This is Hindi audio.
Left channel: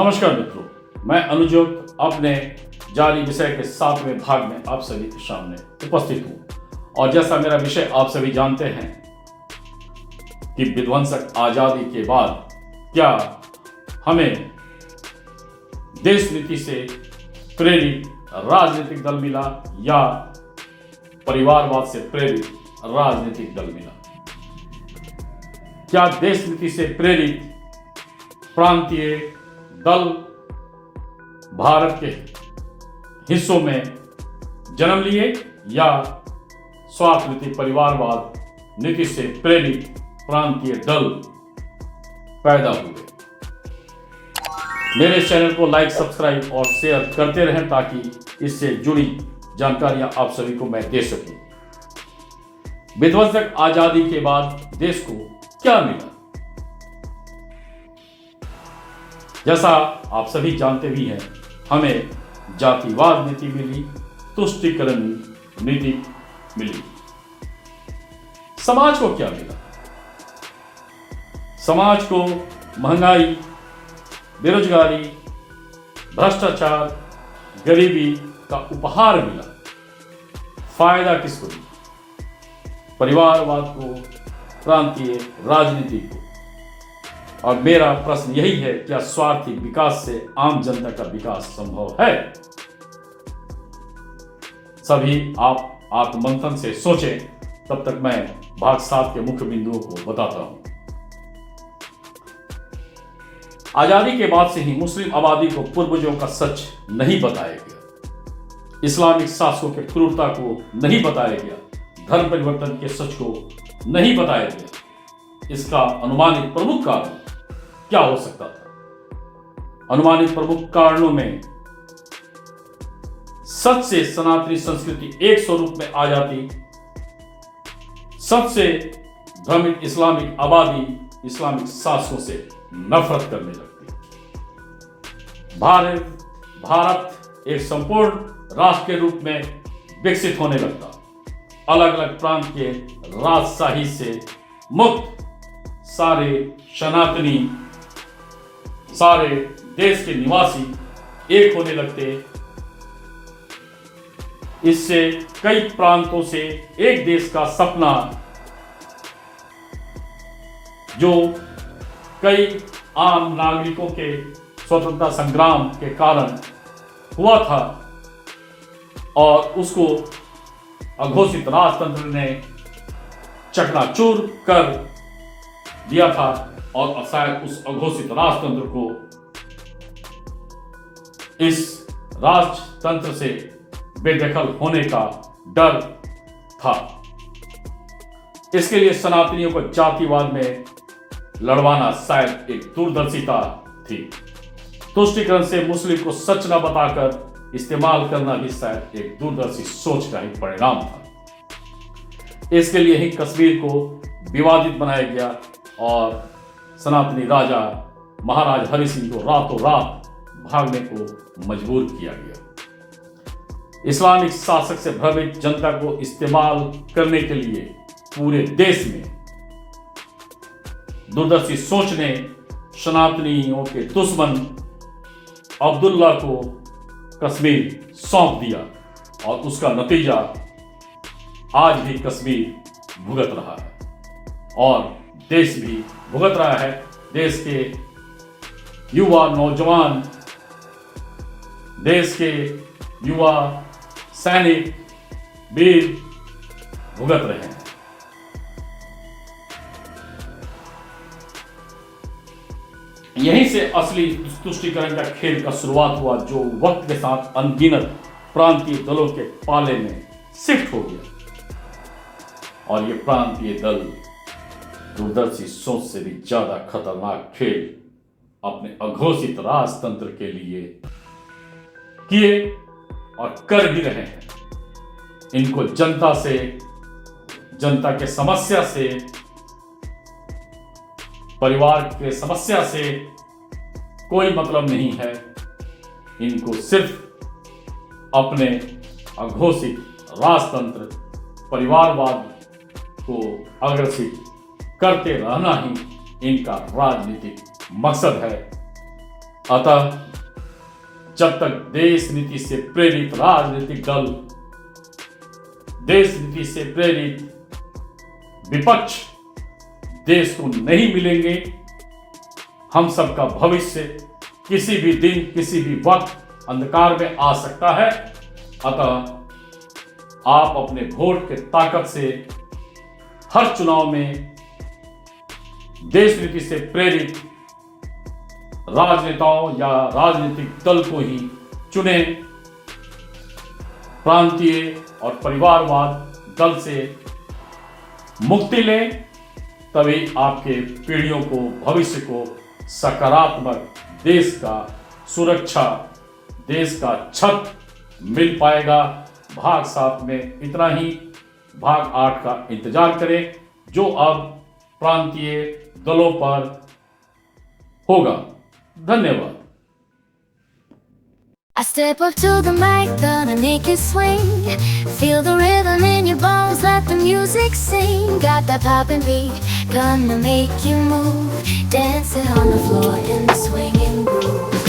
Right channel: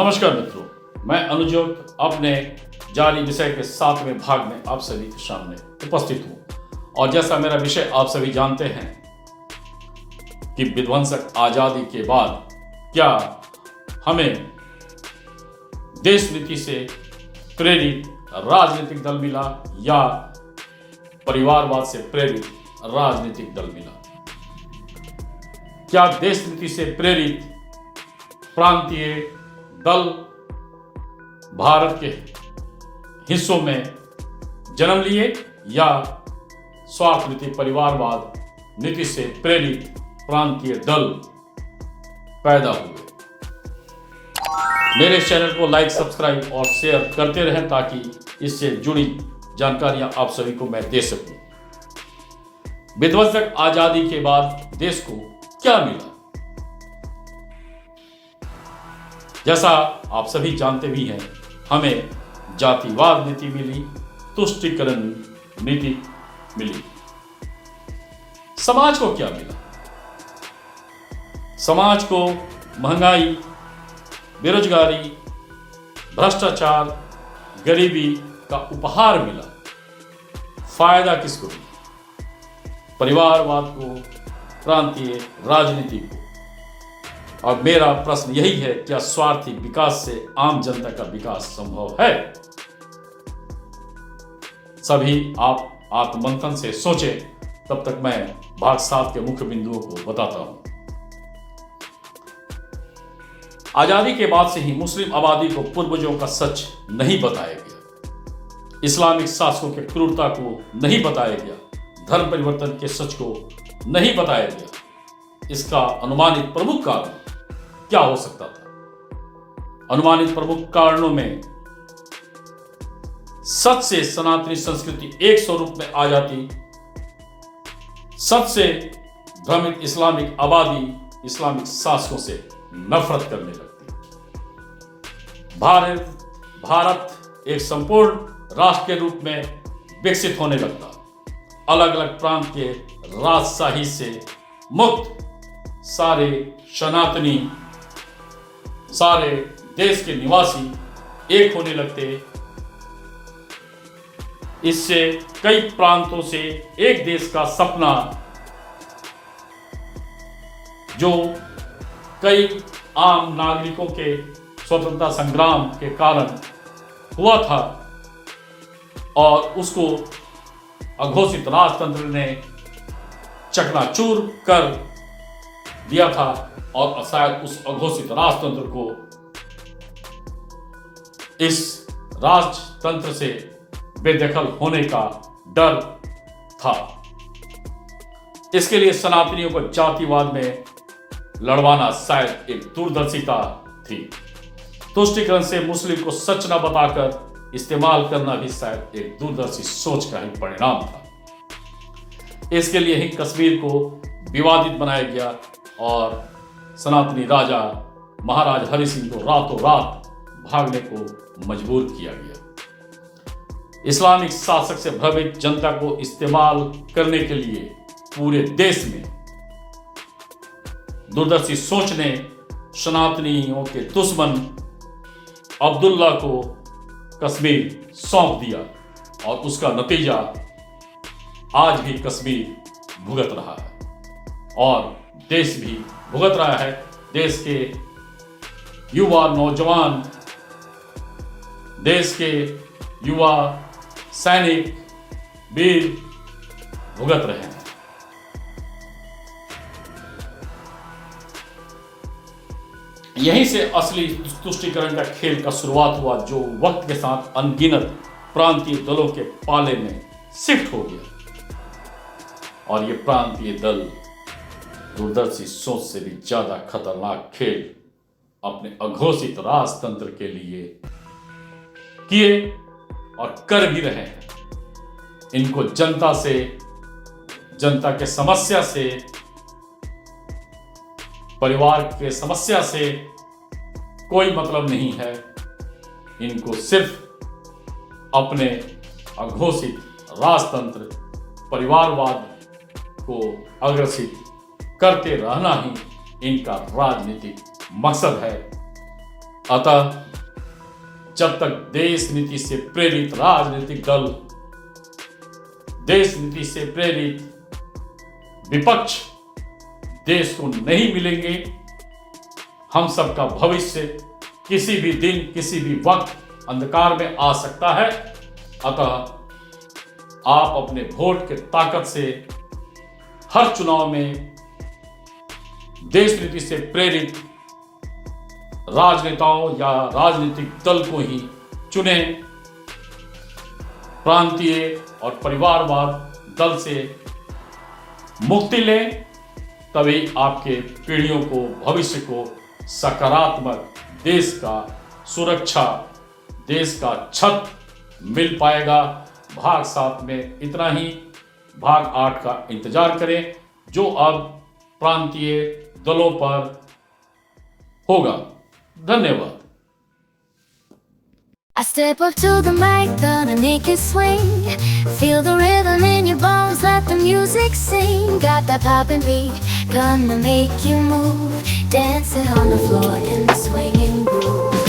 नमस्कार मित्रों, मैं अनुजोत अपने जारी विषय के 7वें भाग में आप सभी के सामने उपस्थित हूँ। और जैसा मेरा विषय आप सभी जानते हैं कि विध्वंसक आजादी के बाद क्या हमें देश नीति से प्रेरित राजनीतिक दल मिला या परिवारवाद से प्रेरित राजनीतिक दल मिला। क्या देश नीति से प्रेरित प्रांतीय दल भारत के हिस्सों में जन्म लिए या स्वार्थ नीति परिवारवाद नीति से प्रेरित प्रांतीय दल पैदा हुए। मेरे चैनल को लाइक, सब्सक्राइब और शेयर करते रहें ताकि इससे जुड़ी जानकारियां आप सभी को मैं दे सकूं। विध्वंसक आजादी के बाद देश को क्या मिला? जैसा आप सभी जानते भी हैं, हमें जातिवाद नीति मिली, तुष्टीकरण नीति मिली। समाज को क्या मिला? समाज को महंगाई, बेरोजगारी, भ्रष्टाचार, गरीबी का उपहार मिला। फायदा किसको मिला? परिवारवाद को, प्रांतीय राजनीति को। और मेरा प्रश्न यही है, क्या स्वार्थी विकास से आम जनता का विकास संभव है? सभी आप आत्ममंथन से सोचें, तब तक मैं भाग 7 के मुख्य बिंदुओं को बताता हूं। आजादी के बाद से ही मुस्लिम आबादी को पूर्वजों का सच नहीं बताया गया, इस्लामिक शासकों के क्रूरता को नहीं बताया गया, धर्म परिवर्तन के सच को नहीं बताया गया। इसका अनुमानित प्रमुख कारण क्या हो सकता था? अनुमानित प्रमुख कारणों में सच से सनातनी संस्कृति एक स्वरूप में आ जाती, सच से भ्रमित इस्लामिक आबादी इस्लामिक शासकों से नफरत करने लगती। भारत एक संपूर्ण राष्ट्र के रूप में विकसित होने लगता। अलग अलग प्रांत के राजशाही से मुक्त सारे सनातनी, सारे देश के निवासी एक होने लगते। इससे कई प्रांतों से एक देश का सपना, जो कई आम नागरिकों के स्वतंत्रता संग्राम के कारण हुआ था और उसको अघोषित राजतंत्र ने चकनाचूर कर दिया था, और शायद उस अघोषित राजतंत्र को इस राजतंत्र से बेदखल होने का डर था। इसके लिए सनातनियों को जातिवाद में लड़वाना शायद एक दूरदर्शिता थी। तुष्टीकरण से मुस्लिम को सच न बताकर इस्तेमाल करना भी शायद एक दूरदर्शी सोच का ही परिणाम था। इसके लिए ही कश्मीर को विवादित बनाया गया और सनातनी राजा महाराज हरि सिंह को रातों रात भागने को मजबूर किया गया। इस्लामिक शासक से भ्रमित जनता को इस्तेमाल करने के लिए पूरे देश में दूरदर्शी सोच ने सनातनियों के दुश्मन अब्दुल्ला को कश्मीर सौंप दिया और उसका नतीजा आज भी कश्मीर भुगत रहा है और देश भी भुगत रहा है। देश के युवा नौजवान, देश के युवा सैनिक, वीर भुगत रहे हैं। यहीं से असली तुष्टीकरण का खेल का शुरुआत हुआ, जो वक्त के साथ अनगिनत प्रांतीय दलों के पाले में शिफ्ट हो गया। और ये प्रांतीय दल दूरदर्शी सोच से भी ज्यादा खतरनाक खेल अपने अघोषित राजतंत्र के लिए किए और कर भी रहे हैं। इनको जनता से, जनता के समस्या से, परिवार के समस्या से कोई मतलब नहीं है। इनको सिर्फ अपने अघोषित राजतंत्र परिवारवाद को अग्रसित करते रहना ही इनका राजनीतिक मकसद है। अतः जब तक देश नीति से प्रेरित राजनीतिक दल, देश नीति से प्रेरित विपक्ष देश को नहीं मिलेंगे, हम सबका भविष्य किसी भी दिन किसी भी वक्त अंधकार में आ सकता है। अतः आप अपने वोट के ताकत से हर चुनाव में देश नीति से प्रेरित राजनेताओं या राजनीतिक दल को ही चुने। प्रांतीय और परिवारवाद दल से मुक्ति लें, तभी आपके पीढ़ियों को, भविष्य को सकारात्मक देश का सुरक्षा, देश का छत मिल पाएगा। भाग 7 में इतना ही। भाग 8 का इंतजार करें, जो अब प्रांतीय दलों पर होगा। धन्यवाद। I step up to the mic, gonna make it swing. Feel the rhythm in your bones, let the music sing. Got that poppin' beat, gonna make you move. Dancing on the floor in the swinging groove.